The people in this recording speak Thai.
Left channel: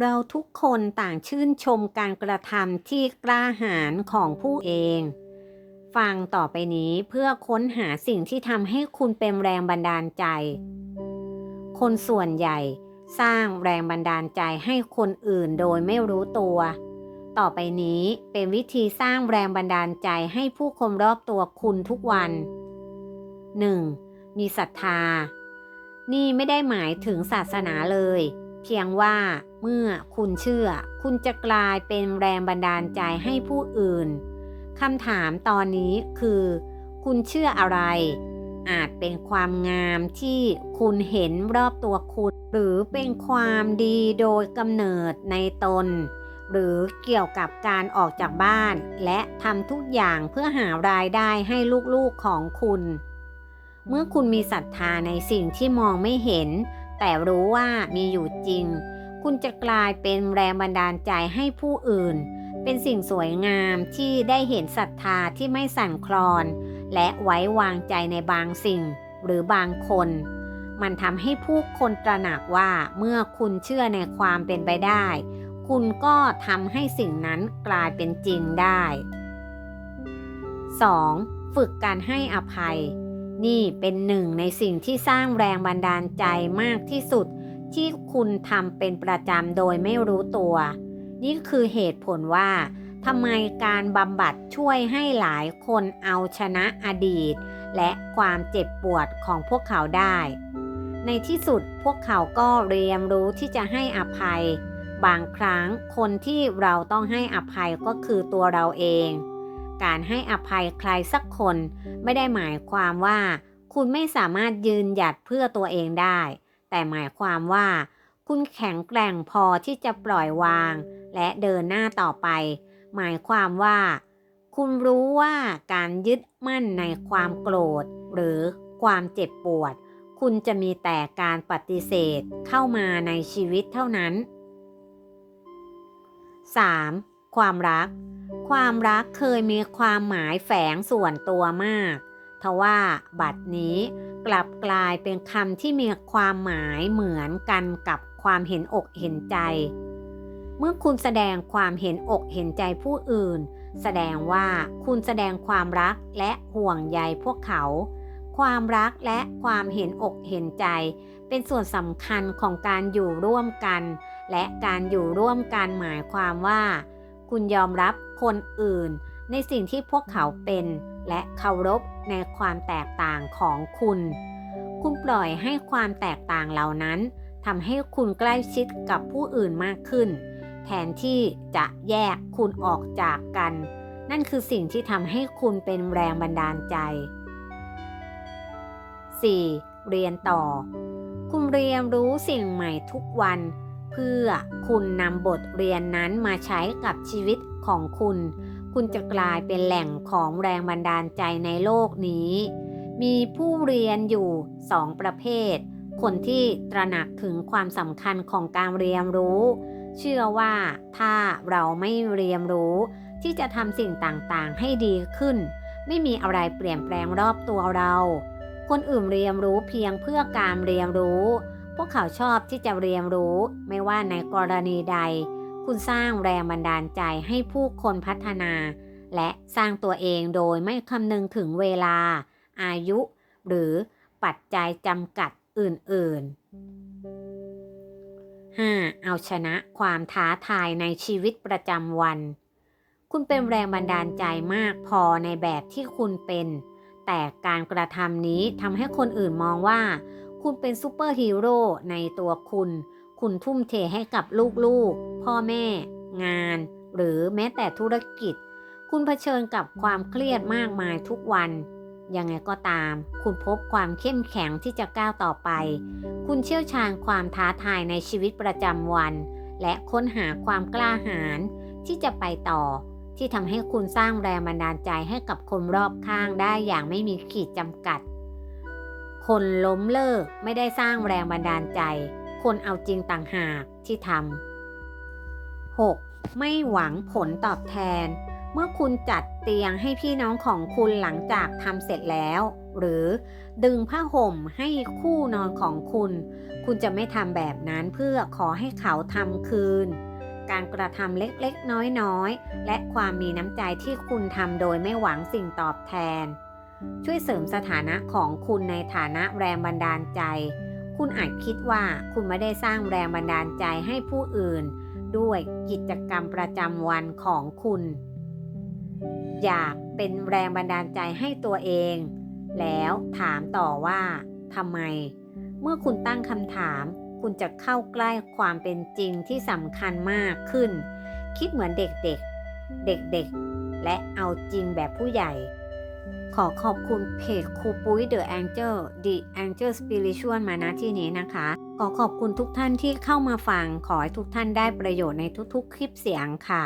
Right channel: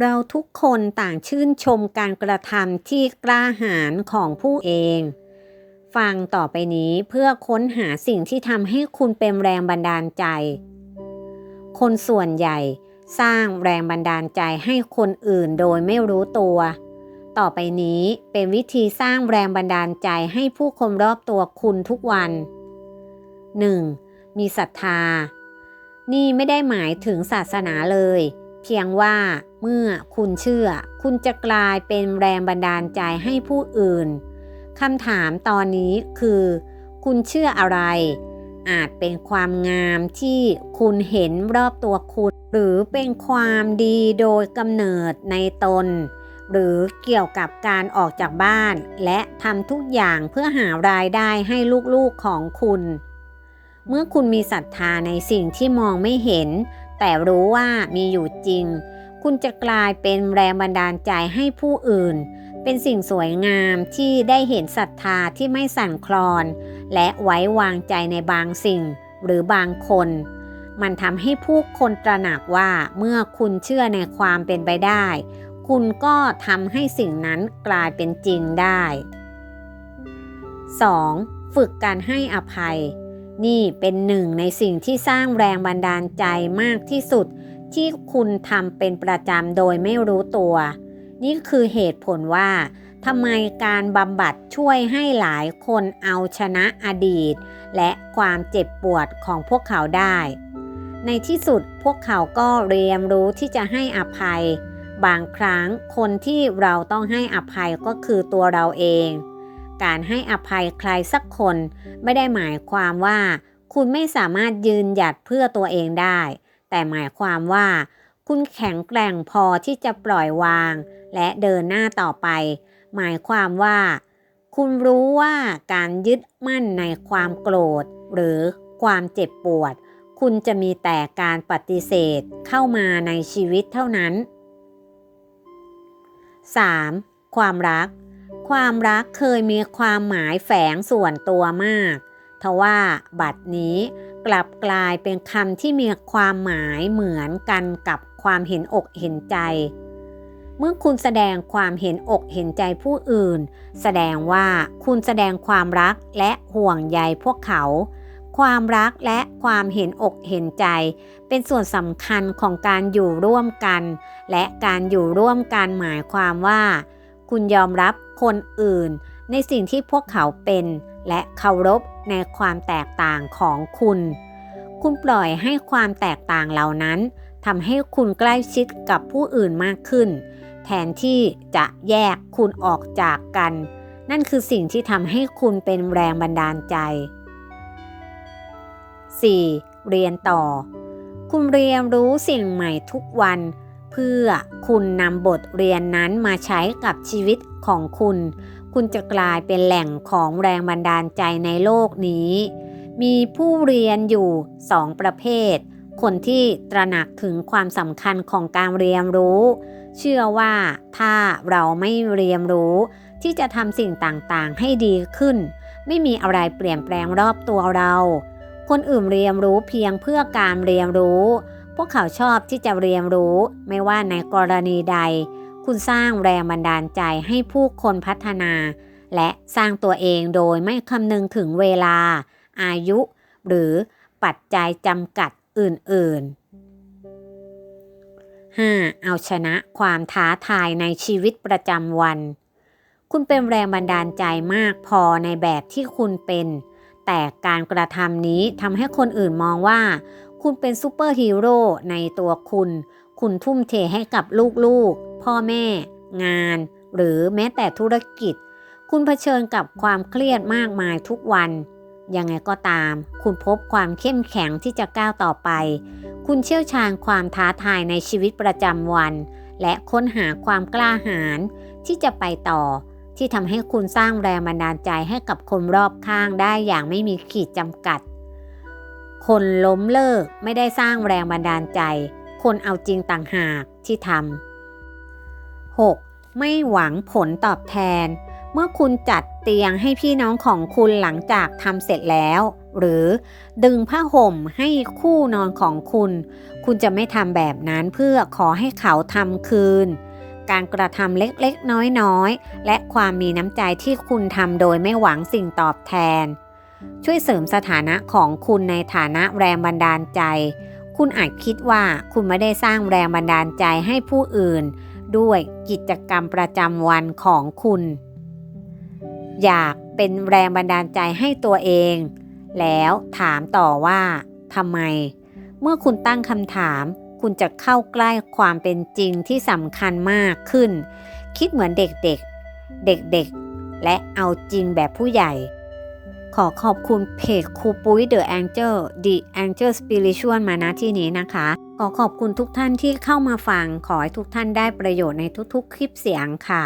เราทุกคนต่างชื่นชมการกระทำที่กล้าหาญของผู้เอง ฟังต่อไปนี้เพื่อค้นหาสิ่งที่ทำให้คุณเป็นแรงบันดาลใจ คนส่วนใหญ่สร้างแรงบันดาลใจให้คนอื่นโดยไม่รู้ตัว ต่อไปนี้เป็นวิธีสร้างแรงบันดาลใจให้ผู้คนรอบตัวคุณทุกวัน 1. มีศรัทธา นี่ไม่ได้หมายถึงศาสนาเลย เพียงว่าเมื่อคุณเชื่อ คุณจะกลายเป็นแรงบันดาลใจให้ผู้อื่นคำถามตอนนี้คือ คุณเชื่ออะไร อาจเป็นความงามที่คุณเห็นรอบตัวคุณ หรือเป็นความดีโดยกำเนิดในตน หรือเกี่ยวกับการออกจากบ้าน และทำทุกอย่างเพื่อหารายได้ให้ลูกๆของคุณ เมื่อคุณมีศรัทธาในสิ่งที่มองไม่เห็น แต่รู้ว่ามีอยู่จริง คุณจะกลายเป็นแรงบันดาลใจให้ผู้อื่น เป็นสิ่งสวยงามที่ได้เห็นศรัทธาที่ไม่สั่นคลอน และไว้วางใจในบางสิ่งหรือบางคน มันทำให้ผู้คนตระหนักว่าเมื่อคุณเชื่อในความเป็นไปได้ คุณก็ทำให้สิ่งนั้นกลายเป็นจริงได้ 2. ฝึกการให้อภัย นี่เป็นหนึ่งในสิ่งที่สร้างแรงบันดาลใจมากที่สุด ที่คุณทำเป็นประจำโดยไม่รู้ตัว นี่คือเหตุผลว่าทำไมการบำบัดช่วยให้หลายคนเอาชนะอดีต และความเจ็บปวดของพวกเขาได้ ในที่สุดพวกเขาก็เรียนรู้ที่จะให้อภัย บางครั้งคนที่เราต้องให้อภัยก็คือตัวเราเอง การให้อภัยใครสักคน ไม่ได้หมายความว่า คุณไม่สามารถยืนหยัดเพื่อตัวเองได้ แต่หมายความว่า คุณแข็งแกร่งพอที่จะปล่อยวาง และเดินหน้าต่อไป หมายความว่า คุณรู้ว่าการยึดมั่นในความโกรธ หรือความเจ็บปวด คุณจะมีแต่การปฏิเสธเข้ามาในชีวิตเท่านั้น 3. ความรัก ความรักเคยมีความหมายแฝงส่วนตัวมากทว่าบัดนี้กลับกลายเป็นคำที่มีความหมายเหมือนกันกับความเห็นอกเห็นใจ เมื่อคุณแสดงความเห็นอกเห็นใจผู้อื่น แสดงว่าคุณแสดงความรักและห่วงใยพวกเขา ความรักและความเห็นอกเห็นใจ เป็นส่วนสำคัญของการอยู่ร่วมกัน และการอยู่ร่วมกันหมายความว่า คุณยอมรับคนอื่น ในสิ่งที่พวกเขาเป็น และเคารพในความแตกต่างของคุณ คุณปล่อยให้ความแตกต่างเหล่านั้นทำให้คุณใกล้ชิดกับผู้อื่นมากขึ้น แทนที่จะแยกคุณออกจากกัน นั่นคือสิ่งที่ทำให้คุณเป็นแรงบันดาลใจ 4. เรียนต่อ คุณเรียนรู้สิ่งใหม่ทุกวัน เพื่อคุณนำบทเรียนนั้นมาใช้กับชีวิตของคุณ คุณจะกลายเป็นแหล่งของแรงบันดาลใจในโลกนี้ มีผู้เรียนอยู่สองประเภท คนที่ตระหนักถึงความสำคัญของการเรียนรู้ เชื่อว่าถ้าเราไม่เรียนรู้ ที่จะทำสิ่งต่างๆ ให้ดีขึ้น ไม่มีอะไรเปลี่ยนแปลงรอบตัวเรา คนอื่นเรียนรู้เพียงเพื่อการเรียนรู้ พวกเขาชอบที่จะเรียนรู้ ไม่ว่าในกรณีใด คุณสร้างแรงบันดาลใจให้ผู้คนพัฒนา และสร้างตัวเองโดยไม่คำนึงถึงเวลา อายุ หรือปัจจัยจำกัดอื่น ๆ 5. เอาชนะความท้าทายในชีวิตประจำวัน คุณเป็นแรงบันดาลใจมากพอในแบบที่คุณเป็น แต่การกระทำนี้ทำให้คนอื่นมองว่า คุณเป็นซูเปอร์ฮีโร่ในตัวคุณ คุณทุ่มเทให้กับลูกๆ พ่อแม่ งาน หรือแม้แต่ธุรกิจ คุณเผชิญกับความเครียดมากมายทุกวัน ยังไงก็ตาม คุณพบความเข้มแข็งที่จะก้าวต่อไป คุณเชี่ยวชาญความท้าทายในชีวิตประจำวัน และค้นหาความกล้าหาญที่จะไปต่อ ที่ทำให้คุณสร้างแรงบันดาลใจให้กับคนรอบข้างได้อย่างไม่มีขีดจำกัด คนล้มเลิกไม่ได้สร้างแรงบันดาลใจ คนเอาจริงต่างหากที่ทำ 6. ไม่หวังผลตอบแทน เมื่อคุณจัดเตียงให้พี่น้องของคุณหลังจากทำเสร็จแล้ว หรือดึงผ้าห่มให้คู่นอนของคุณ คุณจะไม่ทำแบบนั้นเพื่อขอให้เขาทำคืน การกระทำเล็กๆ น้อยๆ และความมีน้ำใจที่คุณทำโดยไม่หวังสิ่งตอบแทน ช่วยเสริมสถานะของคุณในฐานะแรงบันดาลใจ คุณอาจคิดว่าคุณไม่ได้สร้างแรงบันดาลใจให้ผู้อื่น ด้วยกิจกรรมประจำวันของคุณ อยากเป็นแรงบันดาลใจให้ตัวเอง แล้วถามต่อว่าทำไม เมื่อคุณตั้งคำถาม คุณจะเข้าใกล้ความเป็นจริงที่สำคัญมากขึ้น คิดเหมือนเด็กๆ เด็กๆ และเอาจริงแบบผู้ใหญ่ ขอขอบคุณเพจครูปุ้ย The Angel The Angel Spiritual มาณที่นี้นะคะ ขอขอบคุณทุกท่านที่เข้ามาฟัง ขอให้ทุกท่านได้ประโยชน์ในทุกๆ คลิปเสียงค่ะ